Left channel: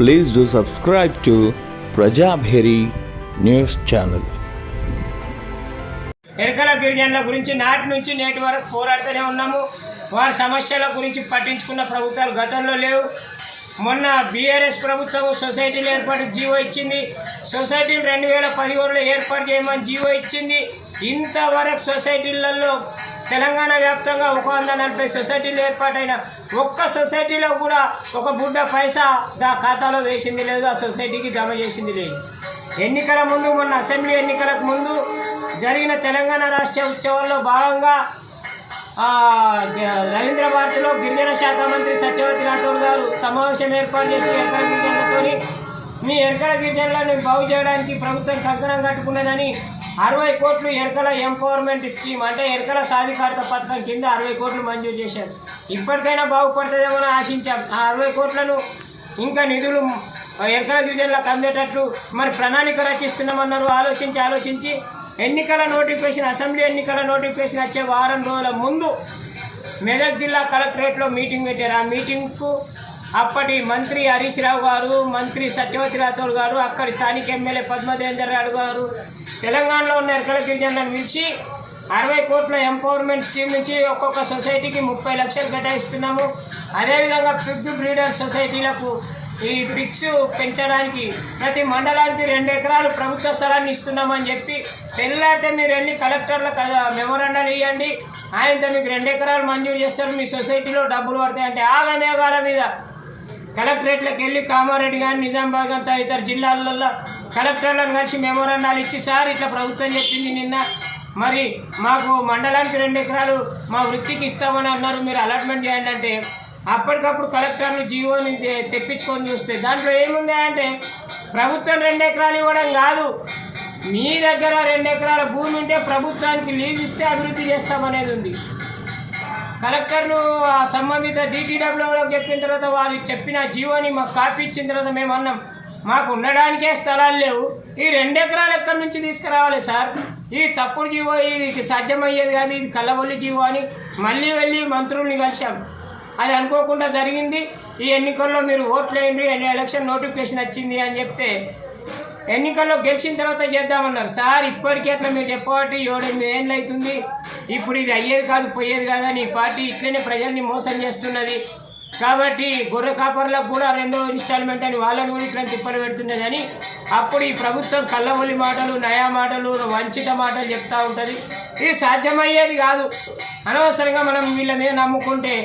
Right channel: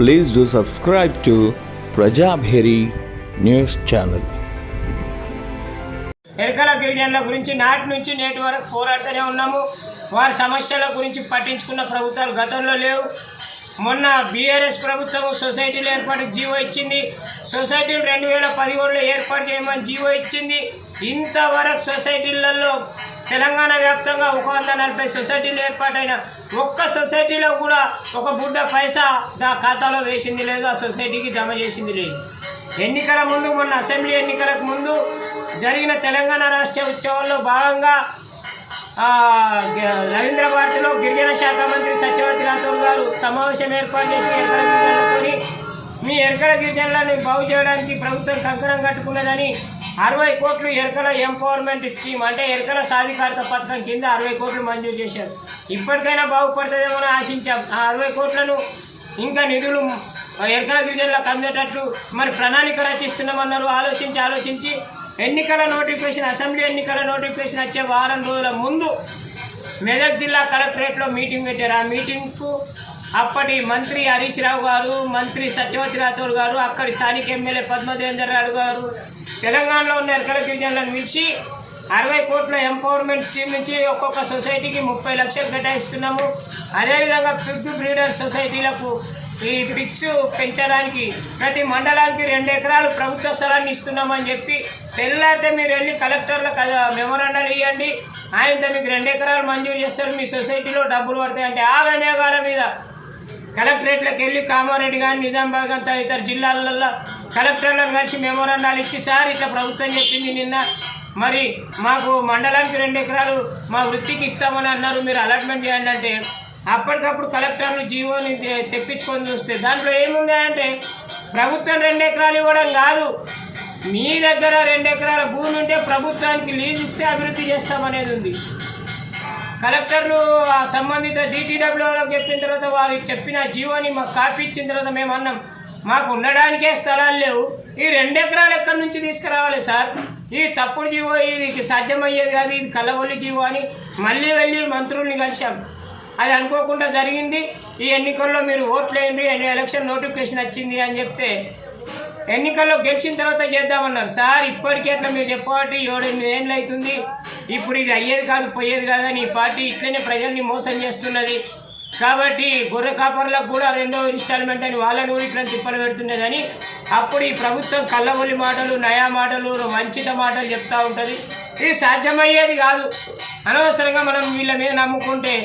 Please do subscribe to Prajabheri News Channel. Yerukala గిరిజనుల గురించి నాటి నుంచి నేటి వరకు పోరాడుతూనే ఉన్నాము. వారి సమస్యల గురించి పట్టించుకున్న ప్రభుత్వాలు గతంలో లేవు. మొన్న బీఆర్ఎస్ ప్రభుత్వం సొసైటీలు ఏర్పాటు జీవో ఇచ్చింది. సొసైటీలు 2017లో ఏర్పాటు చేయమని జీవో ఇచ్చింది. ఇంతవరకు సొసైటీలలో తెలంగాణ వ్యాప్తంగా 140 సొసైటీలు ఏర్పాటైన ఒక్క సొసైటీలో కూడా ఒక బుడ్డ పైసా ఖాతాలో వేసింది లేదు, ఆ సొసైటీకి జమ చేసింది లేదు. ఎన్నికల ముందు, మొన్న అసెంబ్లీ ఎన్నికలకు ముందు జరిగిన తెలంగాణ రాష్ట్ర ఉత్సవాల్లో భాగంగా రవీంద్ర భారతిలో గిరిజన శాఖ మంత్రి సత్యవతి రాథోడ్ గారు సమావేశం ఏర్పాటు చేసి ఎరకల గిరిజనులతో మీ ఎరకల గిరిజనులను బాగు చేయడానికి ప్రభుత్వం కంకణం కట్టుకున్నదని 60 కోట్లు ఎరకల ఎంపవర్మెంట్ స్కీమ్ అంటే ఎరకల సాధికారత పథకం కింద 60 కోట్లు మంజూరు చేశారు. ఇప్పటికైనా బాగుపడుతుందేమో ఆశించాం. ఆ 60 కోట్లను ఇంకా నిధులు ఎరకల గిరిజనులకు అందేటట్లు మరి ప్రణాళిక రచిస్తున్నామన్నారు. ఆలోచించి ఎన్నికల నోటిఫికేషన్, అసెంబ్లీ ఎన్నికల నోటిఫికేషన్ వచ్చే వారం రోజుల ముందు మెదక్ జిల్లా కలెక్టరేట్లో మీటింగ్ పెట్టారు. ఆ మీటింగ్కు అప్పటి మంత్రి హరీష్ రావు గారు, మంత్రి సత్యవతి రాథోడ్ గారు, అక్కడి స్థానిక ఎమ్మెల్యే పద్మదేవేందర్ రావు గారు తెలంగాణలో ఉన్న ఎరకల గిరిజనులను పిలిచి 60 కోట్ల ఎంపవర్మెంట్ స్కీమ్ నుంచి ఒక్కొక్క సొసైటీకి 30 లక్షలు కేటాయిస్తున్నాము. అదేవిధంగా పిగ్ బ్రీడర్ సొసైటీలకు ఈ పిగ్స్ పెంచడానికి ప్రతి మండలానికి 2 ఎకరాలు ప్రభుత్వ స్థలాన్ని ఇస్తున్నామని చెప్పి తెల్లారితే మీరు వెళ్ళి కలెక్టర్లకు మెమోరాండాలు ఇవ్వండి, ఆయనతో మీకు 2 ఎకరాలు మంజూరు చేస్తారు, మీ సొసైటీలో డబ్బులు పడతాయంటే ఆగమేఘాల మీద కలెక్టరేట్లకు వెళ్ళి కామారెడ్డి కానీ, నిజామాబాద్ కానీ తదితర జిల్లాలలో కలెక్టర్లను కలిసి మెమోరాండాలు ఇచ్చి సార్ ఇట్లా ప్రభుత్వం చెప్పింది నిన్న, మరి మాకు మండలానికి 2 ఎకరాలు మా వృత్తికి ఇస్తామని అన్నారు, మీరు అలాట్మెంట్ చేయండి అంటే అప్పటికప్పుడు కలెక్టర్లు జీవోని తెప్పించుకొని చూస్తే దాంట్లో ఏముంది అంటే ప్రభుత్వం 2 ఎకరాలు ఇవ్వడం కాదు, మీ దగ్గర 2 ఎకరాల భూమి ఉంటే ప్రభుత్వానికి లీజ్ ఇస్తే అభివృద్ధి చేస్తామనేది ఉంది. కలెక్టర్లు సంబంధిత DTWలకు చెప్పిన తర్వాత వారు చెప్పిన జీవోని మాకు కాపీ ఇచ్చిన తర్వాత మేము అన్నాం, మాకు ఉండడానికే స్థలాలు లేవు, ఈ 2 ఎకరాలు ఎక్కడి నుంచి తీసుకురావాలి సార్, ఇది తప్పుడు జీవో, ఇది సాధ్యమయ్యేది కాదు, ఇది కల్లబొల్లి జీవో అని మళ్ళీ వెళ్ళి మంత్రుల్ని కలిసాం. అది అనుకోకుండా జరిగింది. ఈ ఎన్నికల్లో మీరు ఓట్లేయండి, ఎలక్షన్ నోటిఫికేషన్ వచ్చింది అని చెప్తే ఎన్నికల్లో గెలిచిన తర్వాత చేద్దామన్నారు. సార్ ఇప్పటికే అట్లా మీరు చెప్పబట్టి 7-8 ఏళ్ళు అవుతుంది, ఇప్పుడు ఇది అయ్యేది కాదు పోయేది కాదని ఈ పార్టీ ఇట్లనే ప్రజల్ని మోసం చేస్తున్నది. కాబట్టి గొర్రె కాపర్లకు కూడా 2వ ఇన్స్టాల్మెంట్ అని వాళ్ళని కూడా ఇట్లా తిప్పలు పెడుతున్నదని అప్పుడు ఈ ప్రభుత్వం కళ్ళబొల్లి మాటలు, నయా మాటలు, వంచిత మాటలు చెప్తూ ఉంటుంది. ఇది సాధ్యమయ్యేది కాదు. అనవసరంగా మనం వీళ్ళ మీద నమ్ముకుంటే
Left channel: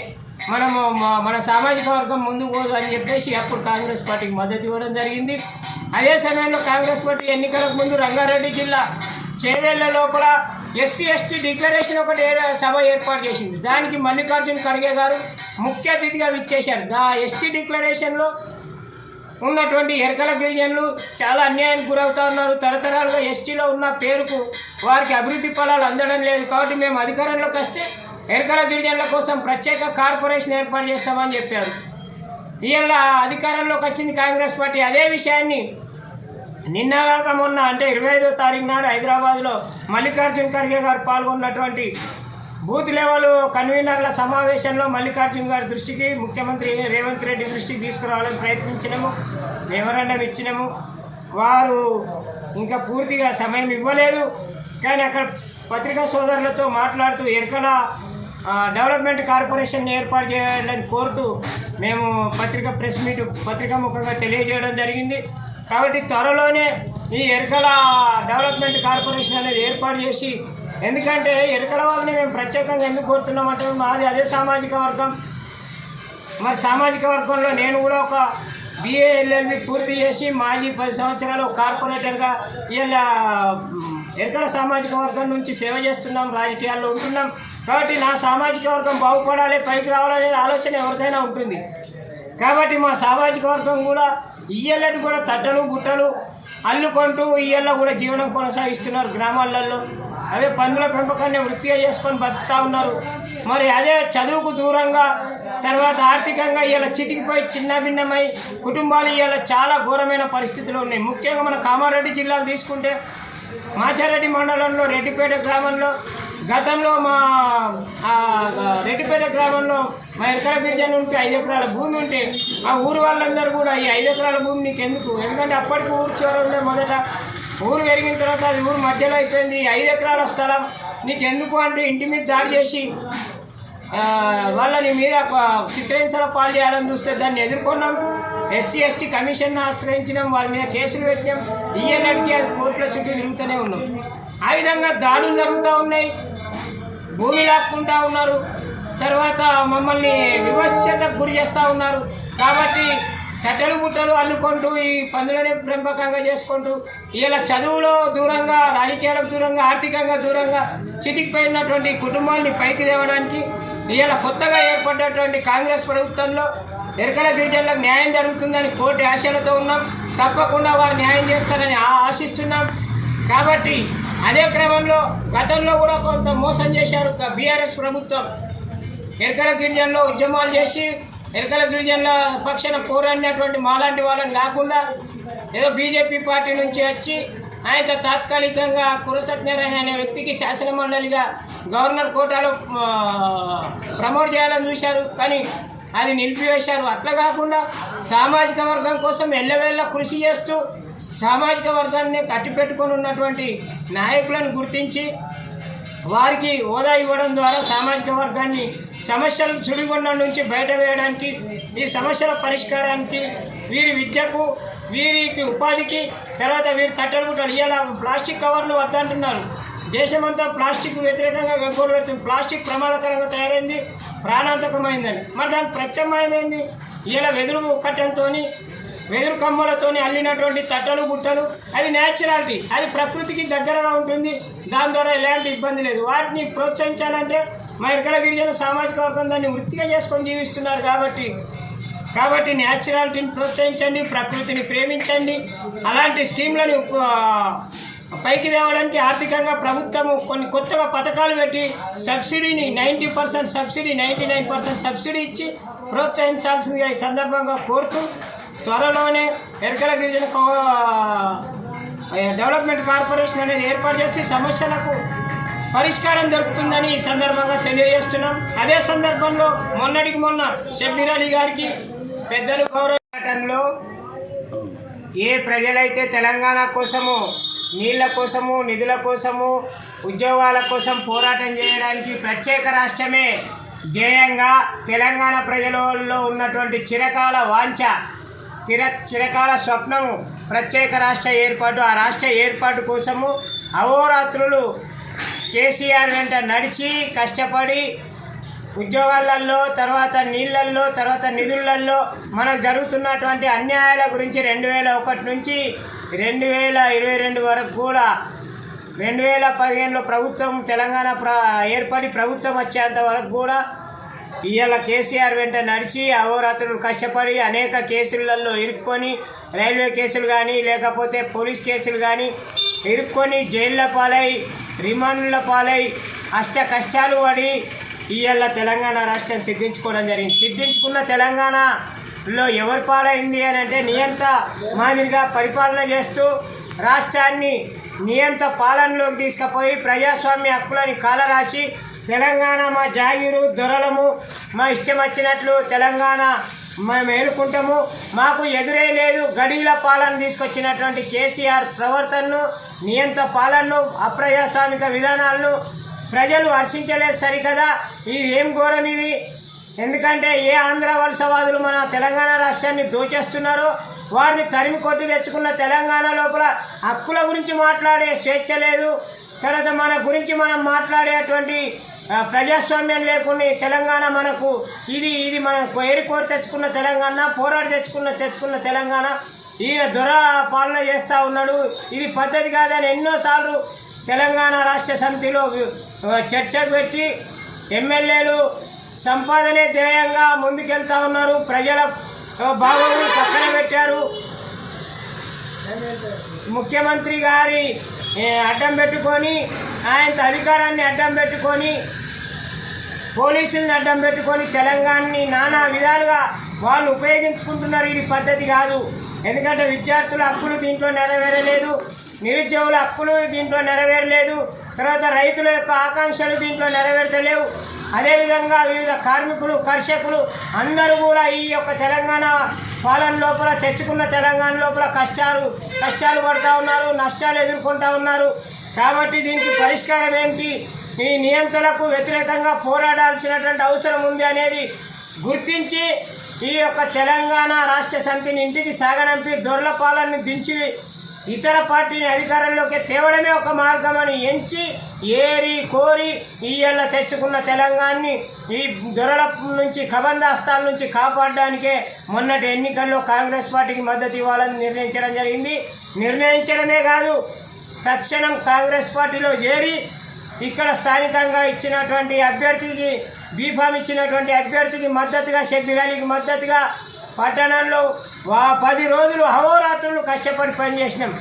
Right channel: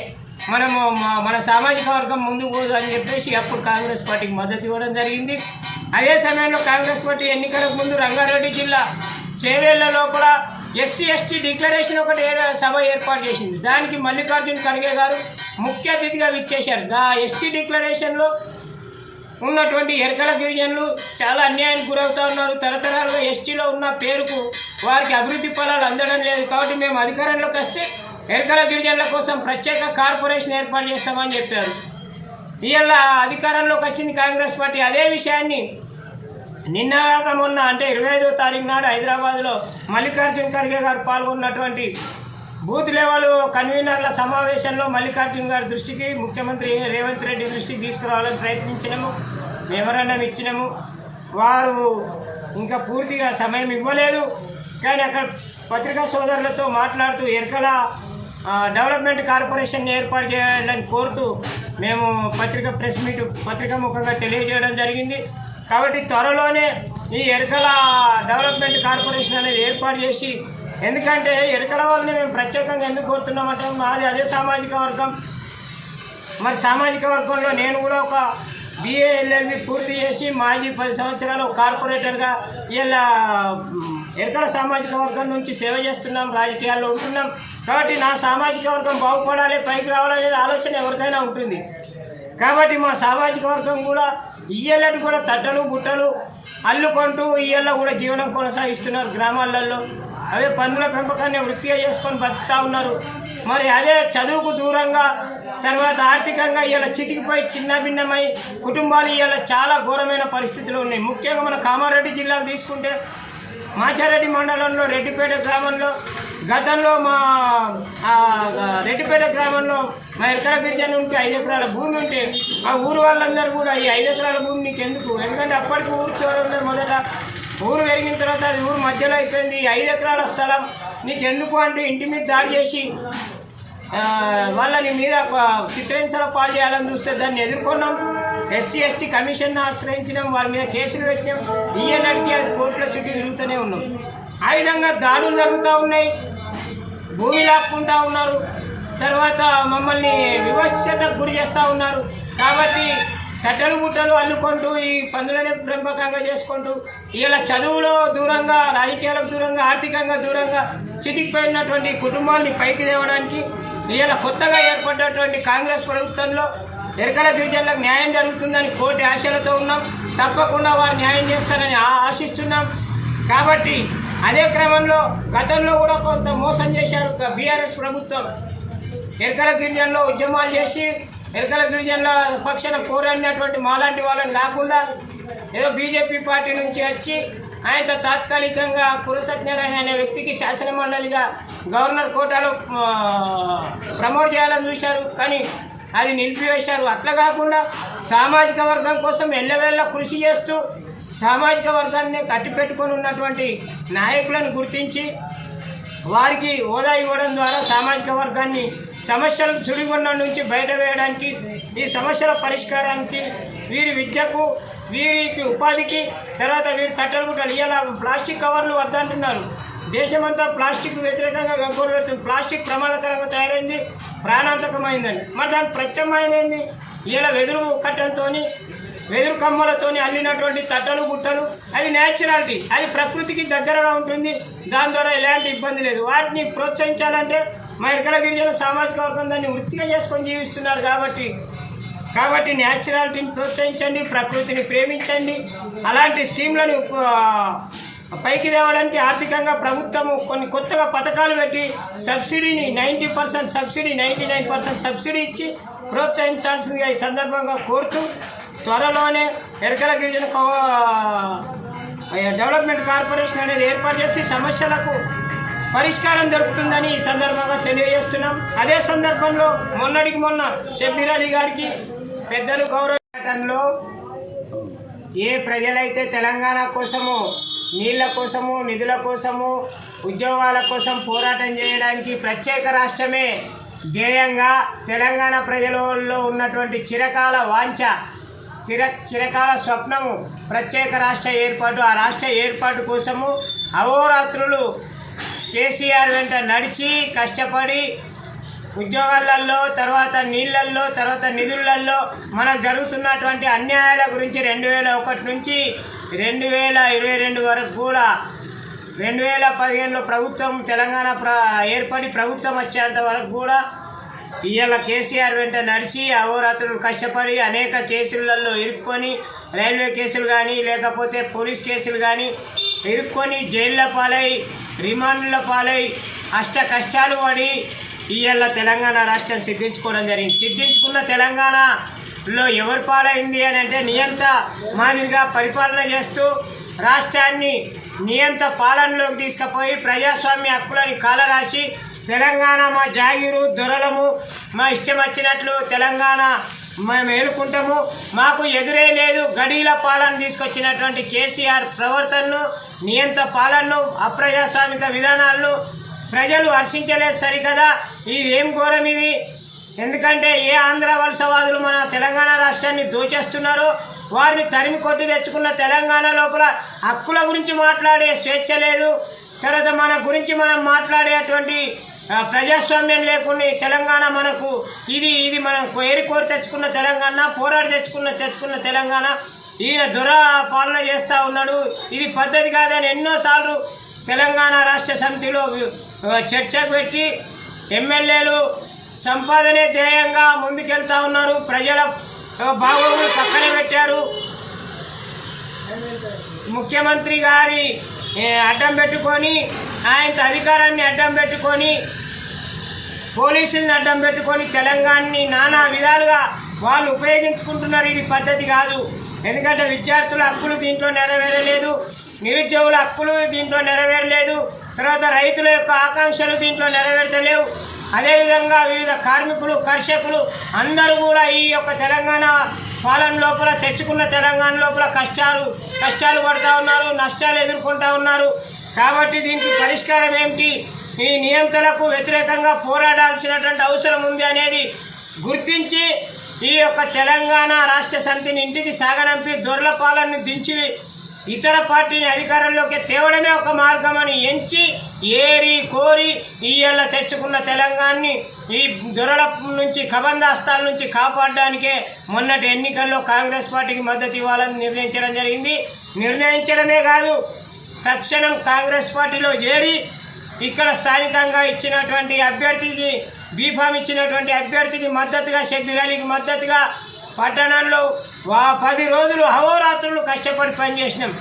మనము మన సామాజిక వర్గం ముందుకు పోదు అని చెప్పేసి అప్పుడు కాంగ్రెస్ పార్టీకి మద్దతు ఇవ్వడం జరిగింది. అదే సమయంలో కాంగ్రెస్ పార్టీ ఎన్నికలకు ముందు రంగారెడ్డి జిల్లా చేవేళ్ల లోపల SC/ST డిక్లరేషన్ ఒకటి సభ ఏర్పాటు చేసింది. దానికి మల్లికార్జున ఖర్గే గారు ముఖ్య అతిథిగా విచ్చేశారు. ST డిక్లరేషన్లో ఉన్నటువంటి ఎరకల గిరిజనులు చాలా అన్యాయానికి గురవుతూ ఉన్నారు. తరతరాలుగా STలో ఉన్న పేరుకు వారికి అభివృద్ధి ఫలాలు అందడం లేదు. కాబట్టి మేము అధికారంలోకి వస్తే ఎరకల గిరిజనుల కోసం ప్రత్యేక కార్పొరేషన్ ఏర్పాటు చేస్తామని చెప్పారు. ఇవాళ అధికారంలోకి వచ్చింది కాంగ్రెస్ పార్టీ. అదే విషయాన్ని నిన్నగాక మొన్న అంటే 25వ తారీఖు నాడు హైదరాబాద్లో మల్లికార్జున ఖర్గే గారు పాల్గొన్నటువంటి బూత్ లెవెల్ కన్వీనర్ల సమావేశంలో మల్లికార్జున గారి దృష్టికి, ముఖ్యమంత్రి రేవంత్ రెడ్డి దృష్టికి తీసుకురావాలని ప్రయత్నించినాము, మెమోరాండం ఇచ్చినాము. వారు ఇంకా పూర్తిగా సమయం ఇవ్వలేదు. కానీ అక్కడ పత్రికా సోదరులతో మాట్లాడుతూ ఎరకల డెవలప్మెంట్ కార్పొరేషన్ ఏర్పాటు చేయాలని కోరుతూ మేము ప్రెస్ మీట్ పత్రికా ముఖంగా తెలియజేయడం జరిగింది. కాబట్టి త్వరలోనే ఈ ఎరకల డెవలప్మెంట్ కార్పొరేషన్ అనేది ఏర్పాటు చేసి, ఎందుకంటే ఎరకల వాళ్ళని మేము ప్రత్యేకంగా ఎందుకు కోరుతున్నామంటే మాది అదే సామాజిక వర్గం. మరి సామాజిక వర్గంలో నేను కూడా ఒక BA LLB పూర్తి చేసి మాజీ 10 సంవత్సరాలు కార్పొరేటర్గా ఇలా ఎరకల సామాజిక వర్గం నుంచి సేవ చేస్తున్నాం, రాజకీయాల్లో ఉంటున్నాం. కాబట్టి నా సామాజిక వర్గం బాగుపడాలి, పైకి రావాలనే ఆలోచన ఎవరికైనా ఉంటుంది. కాబట్టి మా సామాజిక వర్గం కూడా ఇయ్యళ్ళని కూడా తట్టలు గుట్టలు అల్లుకుంటూ ఇయ్యళ్ళ కూడా జీవనం కొనసాగిస్తున్నారు గ్రామాలలో. అవే పందుల పెంపకాన్ని వృత్తిగా చేసుకొని బతుకుతూ ఉన్నారు. మరి అదే చదువుకు దూరంగా తర్వాత ఆర్థికంగా ఇవాళ చితికిపోయి చిన్నభిన్నమై కుటుంబాలు ఇవాళ చాలా ఘోరమైన పరిస్థితులు ఉన్నాయి. ముఖ్యంగా మన కామారెడ్డి జిల్లాకు తీసుకుంటే మాచారెడ్డి మండలంలో రెడ్డిపేట గ్రామంలో గతంలో రెడ్డిపేట గ్రామంలో మా ఎరకల గిరిజన ఉంటే 5 ఎకరాల భూమి ఉంటే ఆ ఊరు వాళ్ళందరూ కూడా ఈ 5 ఎకరాల భూమి నీకు ఎందుకు, ఎందుకంటే అప్పటికి ఊరు చివరి మొదట ఊరు పెరిగిన తర్వాత అది ఊరు మధ్యలో అయిపోయింది, 5 ఎకరాల స్థలం నీకు ఎందుకు అంటే ఇంటి మీద దాడి చేసి వాళ్ళని మీద చిత్రహింసల పాలు చేయాలని చూస్తే దాన్ని ఎదుర్కొన్నాం. ఎస్సీ ఎస్టీ కమిషన్ ఆశ్రయించినాం, వారి మీద కేసులు పెట్టినాం. ఈయనడికి అది కోర్టుల చుట్టూ తిరుగుతూనే ఉన్నాం. ఆ విధంగా దాడులు జరుగుతూ ఉన్నాయి, భూమి లాక్కుంటూ ఉన్నారు, తర్వాత మమ్మల్ని వివక్షతకు గురి చేస్తూ ఉన్నారు. కాబట్టి కట్టెలు ముట్టలు అల్లుకుంటూ ఈ పందులనే పెంపకంగా చేసుకుంటూ ఇలా చదువులో దూరంగా, రాజకీయాలకు దూరంగా, ఆర్థికంగా దూరంగా చితికిపోయినటువంటి కుటుంబాన్ని పైకి తేవడానికి ఇలా కొత్తగా ఏర్పడినటువంటి కాంగ్రెస్ ప్రభుత్వంలో ఎరకల గిరిజనులకు న్యాయం జరుగుతుందని కోటి ఆశలతో ఉన్నాం. తప్పకుండా వారు న్యాయం చేస్తారని ఆశిస్తున్నాం. కాబట్టి అదే క్రమంలో గతంలో కూడా కొంత మోసం చేశారు బీఆర్ఎస్ ప్రభుత్వం. ఎరకల గిరిజనులు ఉద్యమాలు చేసి ఎరకల గిరిజనుల పక్షాన పోరాడినటువంటి మాలాంటి వాళ్ళని కాకుండా ఏదో బీజేపీ పార్టీ నుంచి వచ్చి ఆయనతో తాత్కాలికంగా కురసత్యనారాయణ అనే వ్యక్తికి శాసనమండలిగా గవర్నర్ కోటాలో ప్రమోట్ చేయాలని చూశారు, కానీ అది నిలిపివేశారు. అట్లా కాకుండా సామాజిక వర్గం కోసం ఎల్లవేళ్ళ కృషి చేస్తూ సామాజిక వర్గాన్ని కట్టిపెట్టుకొని ఉన్నటువంటి నాయకులను గుర్తించి వారికి హోదా ఇవ్వడం ద్వారా సామాజిక వర్గాన్ని సమస్యల సుడిగుండం నుంచి బయట వేయడానికి, ఈ సమస్యల పరిష్కారానికి, వీరి విద్యకు, వీరికి ఉపాధికి, తర్వాత వీరి తట్టలు గుట్టలు ఇలా ప్లాస్టిక్ కవర్లు వద్దంటున్నారు. దేశమంతా ప్లాస్టిక్ వ్యతిరేకంగా గగ్గోలు పెడుతుంది. ప్లాస్టిక్ ప్రమాదకరంగా తయారైంది, ప్రాణాంతకమైందని. మరి దానికి ప్రత్యామ్నాయమైంది ఇలా వెదురు కట్టెలతో, వెదురు కమ్మలతో అల్లినటువంటి తట్టలు గుట్టలు. అది న్యాచురాలిటీ, అది ప్రకృతికి దగ్గరగా ఉంటుంది. దాని ద్వారా ఎలాంటి ఇబ్బంది లేదు. వాటిని ప్రోత్సహించాలంటే మా ఎరకల గిరిజన సామాజిక వర్గం దాన్ని వృత్తిగా చేసుకొని జీవిస్తున్నారు. కాబట్టి న్యాచురాలిటీని ప్రోత్సహించండి, ప్రకృతిని ప్రేమించండి. అలాంటి స్కీమ్లను పైకి తేవడానికి ఆర్థికంగా ప్రభుత్వము కొన్ని కొత్తగా పథకాలు పెట్టి సబ్సిడీని 90% సబ్సిడీ, 99% సబ్సిడీ ఇచ్చి ప్రోత్సహించాల్సిందిగా ఈ సందర్భంగా కోరుతూ, త్వరలోనే ఎరకల గిరిజన డెవలప్మెంట్ కార్పొరేషన్ అనేది ఏర్పాటు చేసి సమస్యలకు పరిష్కారం దొరుకుతుందని ఈ సందర్భంగా తెలియజేస్తున్నాం. అదే సందర్భంలో మొన్నటికి మొన్న షబ్బీర్ అలీ గారికి పెద్దలు గౌరవంలో ఏ ప్రజలైతే తెలంగాణ కోసము, నీళ్ల కోసము, నిధుల కోసము, ఉద్యోగాల కోసం పోరాటం చేయడానికి ప్రత్యేక రాష్ట్రమే ధ్యేయంగా తెలంగాణ ప్రజలలో ఉన్నటువంటి చిరకాల వాంఛ, చిరకాల స్వప్నము ప్రత్యేక రాష్ట్ర ఏర్పాటు. ఆ రాష్ట్ర ఏర్పాటు కోసము అహోరాత్రులు కేసీఆర్ వెంట నడిచి కష్టపడి ఉద్యోగాలలో, తర్వాత నీళ్ళల్లో, తర్వాత నిధులలో మనకు జరుగుతున్నటువంటి అన్యాయాల గురించి 2001 నుంచి 2022 వరకు కూడా 2015లో ప్రభుత్వం తెలంగాణ ఏర్పడి ప్రభుత్వం వచ్చేంత వరకు కూడా ఇవాళ కేసీఆర్ వెంట నడిచి అహోరాత్రులు కష్టపడి అనేక కేసులలో ఇరుక్కొని, రైల్వే కేసులు కానీ లేకపోతే పోలీస్ కేసులు కానీ ఇరుక్కొని జైళ్ళ పాలై, రిమాండ్ల పాలై అష్ట కష్టాలు పడి ఇవాళ తెలంగాణ రాష్ట్రం సిద్ధించుకోవడం జరిగింది. సిద్ధించుకున్న తెలంగాణలో ఎవరి పాలైంది అని అంటే నియంత మాదిరిగా పరిపాలన చేస్తూ రాష్ట్రాన్ని నియంత పాలనలోకి తీసుకుపోయి ప్రజాస్వామ్య హక్కులని కాలరాసి తెలంగాణ మా జాగీరు, దొరలము, మా ఇష్టం వచ్చినట్లు తెలంగాణ మేము ఏలుకుంటాము, మాకు ఎదురే లేదు గడీల పాలన తీసుకొచ్చినటువంటి కేసీఆర్ ప్రవర్తనను, నియంత పాలనను, అప్రజాస్వామిక విధానాలను ప్రజలు హర్షించలేదు. సరికదా ఇది ఏం ఘోరం ఇది. ఎందుకంటే ఏ ఆంధ్ర వలసవాదులు మన తెలంగాణ రాష్ట్రాన్ని దోచేస్తున్నారో వారిని తరిమి కొట్టి తెచ్చుకున్న తెలంగాణ లోపల హక్కుల గురించి మాట్లాడే స్వేచ్ఛ లేదు. తర్వాత మన గురించి మనం మాట్లాడేటువంటి ప్రజాస్వామ్యం లేకుండా తెలంగాణ మనకు ఇది మనం కోరి తెచ్చుకున్న తెలంగాణ, పోరాడి తెచ్చుకున్న తెలంగాణ. ఈయన దొర పాలన చేస్తూ ఉన్నాడు. ఇది పద్ధతి కాదని ఎన్నోసార్లు తెలంగాణ రాష్ట్ర సమితిలో చర్చకు పెట్టి ఎమ్మెల్యేలు సంపాదనే ధ్యేయంగా ముందుకెళ్తా ఉన్నారు. ప్రజల బాగోగులు పక్కన పెట్టారు. ముఖ్యమంత్రి గారి అడ్డం పెట్టుకొని, ఆయన అధికారాన్ని అడ్డం పెట్టుకొని, పోలీసులను అడ్డం పెట్టుకొని తెలంగాణని నానా విధాలుగా వాళ్ళు ఉపయోగించుకుంటున్నారు. ఇది పద్ధతి కాదు. ఎందుకంటే విద్యార్థుల హక్కులు దీంట్లో నెరవేరలేదు. నిరుద్యోగుల హక్కులు దీంట్లో నెరవేరలేదు. తర్వాత రైతుల యొక్క ఆకాంక్షలు దీంట్లో నెరవేర్తలేవు. అదేవిధంగా వివిధ కార్మికులు, కర్షకులు అందరూ కూడా ఈ యొక్క తెలంగాణ పాలన లోపల తెచ్చుకున్న తెలంగాణ లోపల కష్టాలు పడుతూ ఉన్నారు, నష్టాలు ఎదుర్కొంటూ ఉన్నారు. కాబట్టి దీనికి పరిష్కారం ఏమిటి, ఈ నియంత్రణకు వ్యతిరేకంగా పోరాడాల్సినటువంటి అవసరం ఉంది అనేది గుర్తించి ఈ యొక్క తెలంగాణ రాష్ట్ర సమితిని ఇంటికి సాగనంపి దొరల పాలనని దించి ఇతర పార్టీని అధికారంలోకి తేవడమే ఒక మార్గమని ఎంచి ఏరి కోరి ఈయల్ల తెచ్చుకున్న తెలంగాణని ఈ దొరల నుంచి కబందాస్తాల నుంచి కాపాడడానికే మొన్నటి ఎన్నికల్లో కాంగ్రెస్ పార్టీకి మద్దతు ఇవ్వాలని నిర్ణయించడం జరిగింది. నిర్ణయించడమే కాదు, తక్షణం కాంగ్రెస్ పార్టీలో చేరి ఇక్కడ స్థానికంగా ఇచ్చినటువంటి అభ్యర్థికి బీఫామ్ ఇచ్చినటువంటి అభ్యర్థికి మద్దతుగా, షబ్బీర్ అలీకి మద్దతుగా పట్టణంలో 10 రోజులు అహోరాత్రులు కష్టపడి పనిచేసినాం.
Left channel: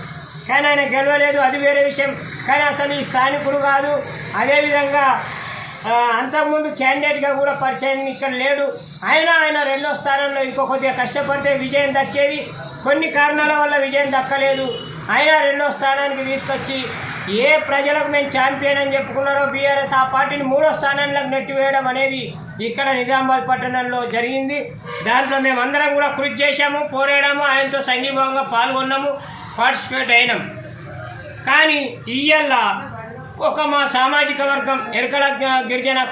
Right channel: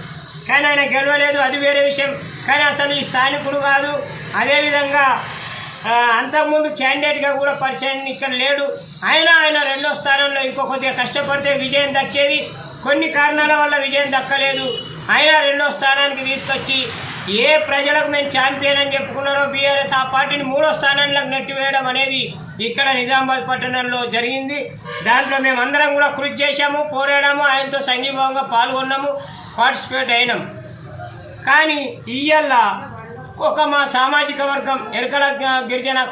కానీ ఆయన గెలవలేదు, అది వేరే విషయం. కానీ అసలు ఈ స్థానికుడు కాదు. అదేవిధంగా అంతకుముందు క్యాండిడేట్గా కూడా పరిచయం ఇక్కడ లేడు. ఆయన రెండో స్థానంలో ఇంకో కొద్దిగా కష్టపడితే విజయం దక్కేది. కొన్ని కారణాల వల్ల విజయం దక్కలేదు. ఆయన రెండో స్థానానికి తీసుకొచ్చి ఏ ప్రజలకు మేము ఛాంపియన్ అని చెప్పుకున్నారో బీఆర్ఎస్ ఆ పార్టీని 3వ స్థానానికి నెట్టివేయడం అనేది ఇక్కడ నిజామాబాద్ పట్టణంలో జరిగింది. దాంట్లో మేము అందరం కూడా కృషి చేశాము, పోరాడాము, ఆయనతో సంఘీభావంగా పాల్గొన్నాము, పార్టిసిపేట్ అయినాం. కానీ ఇయ్యల్ల ఒక మా సామాజిక వర్గం ఎరకల గిరిజన